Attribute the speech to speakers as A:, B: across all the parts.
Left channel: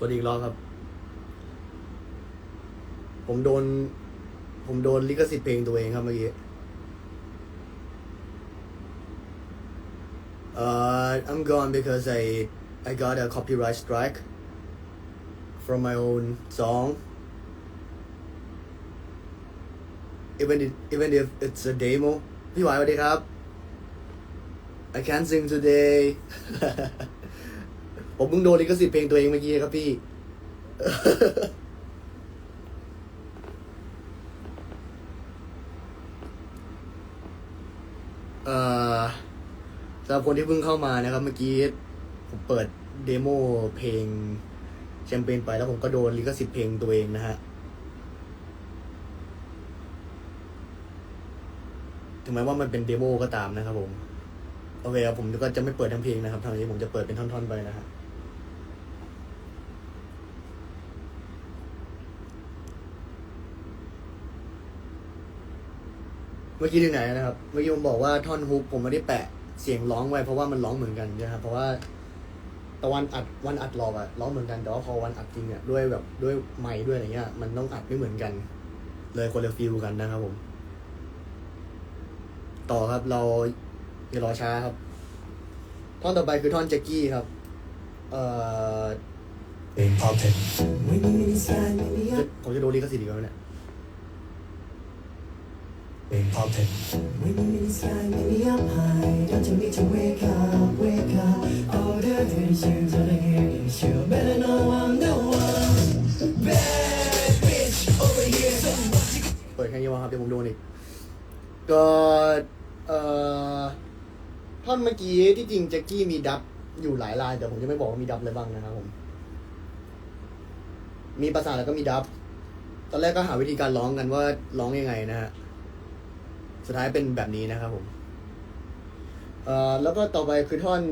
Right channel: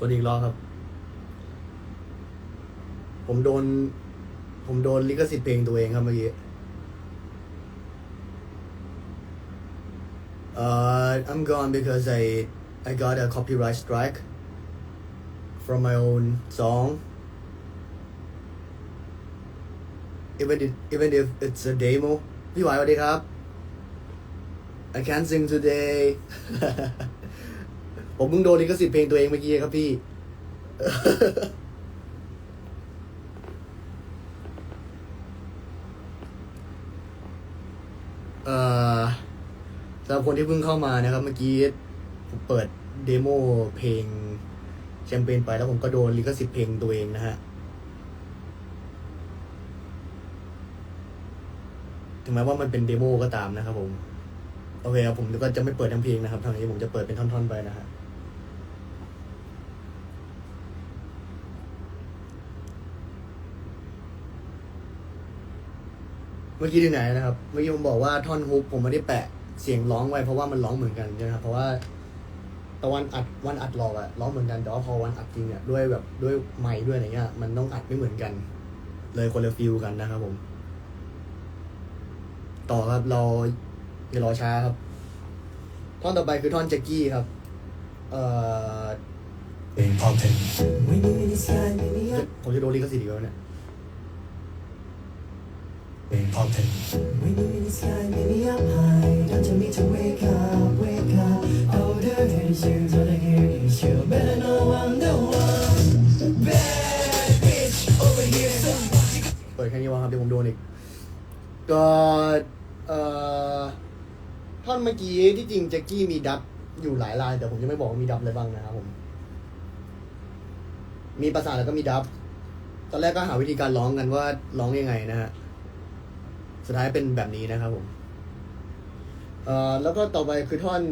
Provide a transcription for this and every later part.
A: สวัสดีอีกรอบครับ ผมโดน ผมโดนลิขสิทธิ์เพลงตัวเองครับเมื่อกี้ Uh, I'm gone because I I got a copyright strike from my own song. Even if, even if it's a demo. พี่หวายสวัสดีครับ I can't sing today ผมเพิ่งโดนลิขสิทธิ์เพลงตัวเองเมื่อกี้ครับพี่ เอ่อสำหรับคนที่เพิ่งเข้ามานะครับ เมื่อกี้ผมเปิดเดโมเพลงแชมเปญไปแล้วผมก็โดนลิขสิทธิ์เพลงตัวเองนะฮะถึงแม้ว่ามันเป็นเดโมก็ตามนะครับผม โอเคครับผมก็จะไม่เปิดทั้งเพลงนะครับทางนี้ผมจะเปิดเป็นท่อนๆไปนะฮะ เมื่อกี้ที่ไหนนะครับ เมื่อกี้ผมบอกว่าท่อนฮุกผมไม่ได้แปะเสียงร้องไว้เพราะว่ามันร้องเหมือนกันนะครับ เพราะว่าตะวันอัดวันอัดหลอกอะร้องเหมือนกันแต่ว่าพอวันอัดจริงเนี่ยด้วยแบบด้วยไมค์ด้วยอะไรเงี้ยมันต้องอัดไม่เหมือนกัน เลยคนละฟิลกันนะครับผม ต่อครับเราอย่ารอช้าครับ ท่อนต่อไปคือท่อนแจ็กกี้ครับ เอ่อ
B: Being pumping.
C: When you inside, maybe up.
A: ผมจะโดนลิขสิทธิ์อีกแล้วเนี่ย
B: Being pumping.
C: When you're inside, maybe up high. Don't you need to wake up, wake up. All the issues, all the hair issue. Better know I'm the one. Bad bitch over here. So what you
A: เปิดแค่นี้วะครับเดี๋ยวผมโดนอีกก็เอ่อท่อนเมื่อกี้ที่จริงแจ็คกี้มีดับอยู่หลายลายแต่ผมจะไม่บอกว่ามีดับอะไรบ้างนะครับผม มีประสานแล้วก็มีดับ ตอนแรกก็หาวิธีการร้องกันว่าร้องยังไงนะฮะ สุดท้ายเป็นแบบนี้นะครับผมเอ่อแล้วก็ต่อไปคือท่อน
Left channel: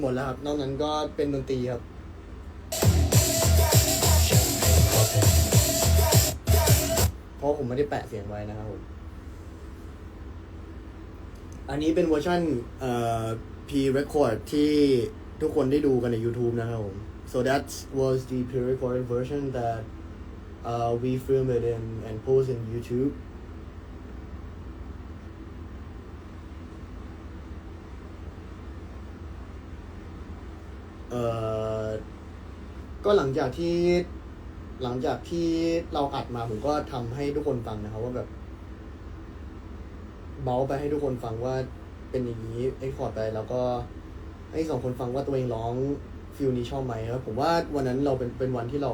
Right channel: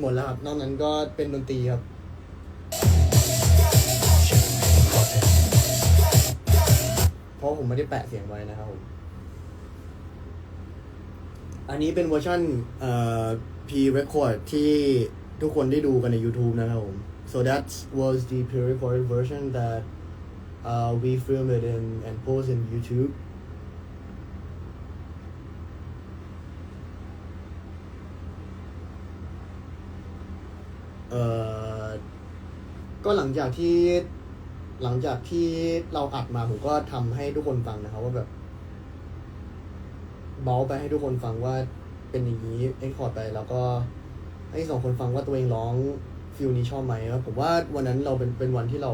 A: หมดแล้วครับ นอกนั้นก็เป็นดนตรีครับ เพราะผมไม่ได้แปะเสียงไว้นะครับผม อันนี้เป็นเวอร์ชันเอ่อ pre-record ที่ทุกคนได้ดูกันใน YouTube นะครับผม so that was the pre-recorded version that uh, we filmed it in and post in YouTube เอ่อก็หลังจากที่หลังจากที่เราอัดมาผมก็ทำให้ทุกคนฟังนะครับว่าแบบ เบาไปให้ทุกคนฟังว่าเป็นอย่างนี้เอ็กคอร์ดไปแล้วก็ให้สองคนฟังว่าตัวเองร้องฟิลนี้ชอบไหมครับผมว่าวันนั้นเราเป็นเป็นวันที่เรา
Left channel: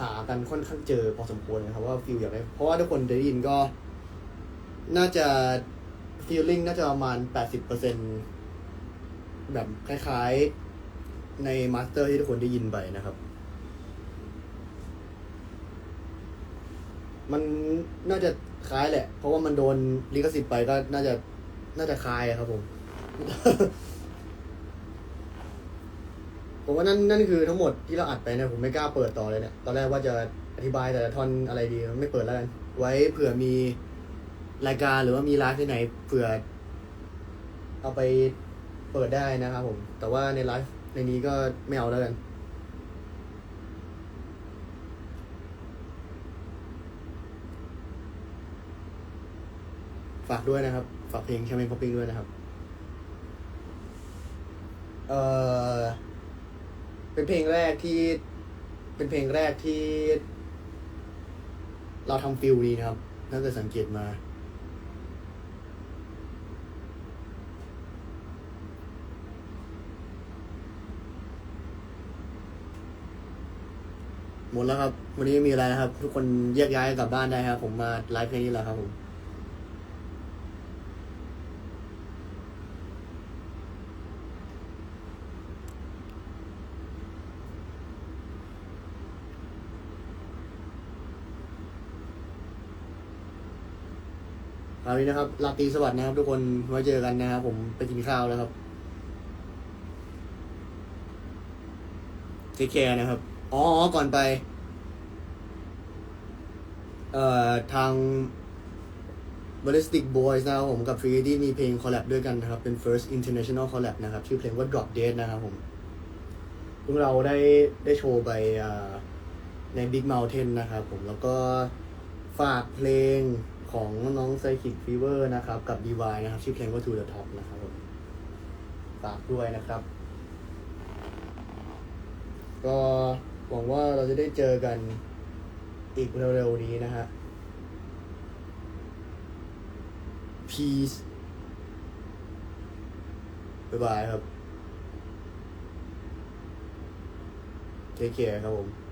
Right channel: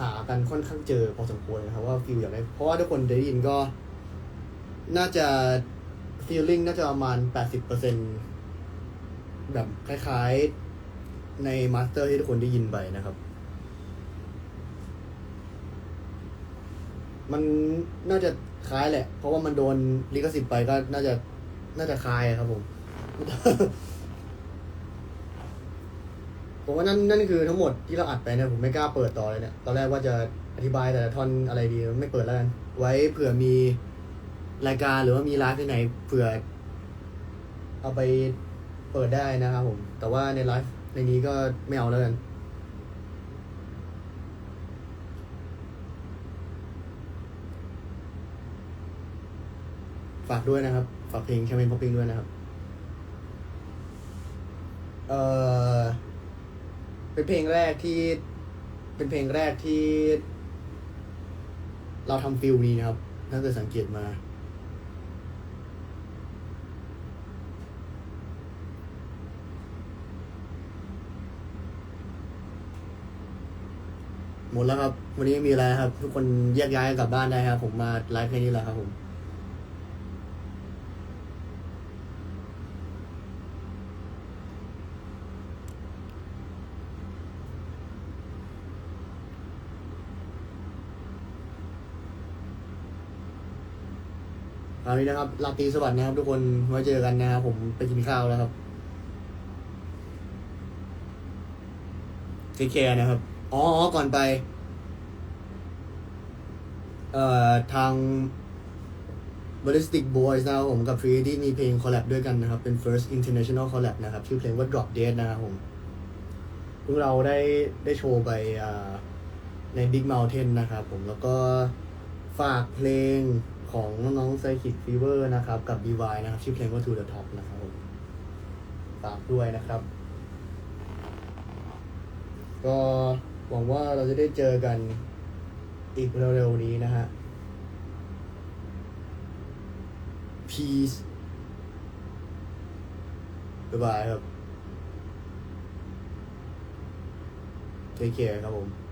A: หากันค่อนข้างเจอพอสมควรนะครับว่าฟิลอย่างไรเพราะว่าทุกคนได้ยินก็ น่าจะฟีลลิ่งน่าจะประมาณแปดสิบเปอร์เซ็นแบบคล้ายๆในมาสเตอร์ที่ทุกคนได้ยินไปนะครับ มันน่าจะ คล้ายแหละ เพราะว่ามันโดนลิขสิทธิ์ไปก็น่าจะน่าจะคล้ายครับผม ผมว่านั่นนั่นคือทั้งหมดที่เราอัดไปเนี่ยผมไม่กล้าเปิดต่อเลยเนี่ย ตอนแรกว่าจะอธิบายแต่ละท่อนอะไรดีไม่เปิดแล้วกัน ไว้เผื่อมีรายการหรือว่ามีไลฟ์ที่ไหนเผื่อ เอาไปเปิดได้นะครับผม แต่ว่าในไลฟ์ในนี้ก็ไม่เอาแล้วกัน ฝากด้วยนะครับ ฝากเพลงแคมเปญป๊อปปิ้งด้วยนะครับ เออเป็นเพลงแรกที่ เป็นเพลงแรกที่ เราทำฟิลนี้นะครับ ถ้าเกิดสังเกตมา หมดแล้วครับ วันนี้ไม่มีอะไรนะครับ ทุกคนแยกย้ายกลับบ้านได้ครับ ผมมาไลฟ์แค่นี้แหละครับผม ครานี้นะครับลาตรีสวัสดิ์นะครับทุกคนไว้เจอกันนะครับผมไปกินข้าวแล้วครับเทคแคร์นะครับอ๋อก่อนไป เอ่อ ทาง Ballistic Boys นะครับผมกับ Free d มีเพลงคอลแลบด้วยกันนะครับ เป็น first international collab นะครับ ชื่อเพลงว่า Drop Dead นะครับผมพวกเราได้ได้โชว์ไปใน Big Mountain นะครับผมแล้วก็ฝากเพลง ของน้องๆ Psychic Fever นะครับ กับ DY นะครับ ชื่อเพลงว่า To the Top นะครับผมฝากด้วยนะครับ ก็หวังว่าเราจะได้เจอกันอีกเร็วๆนี้นะฮะ Peace บ๊ายบายครับ Take care ครับผม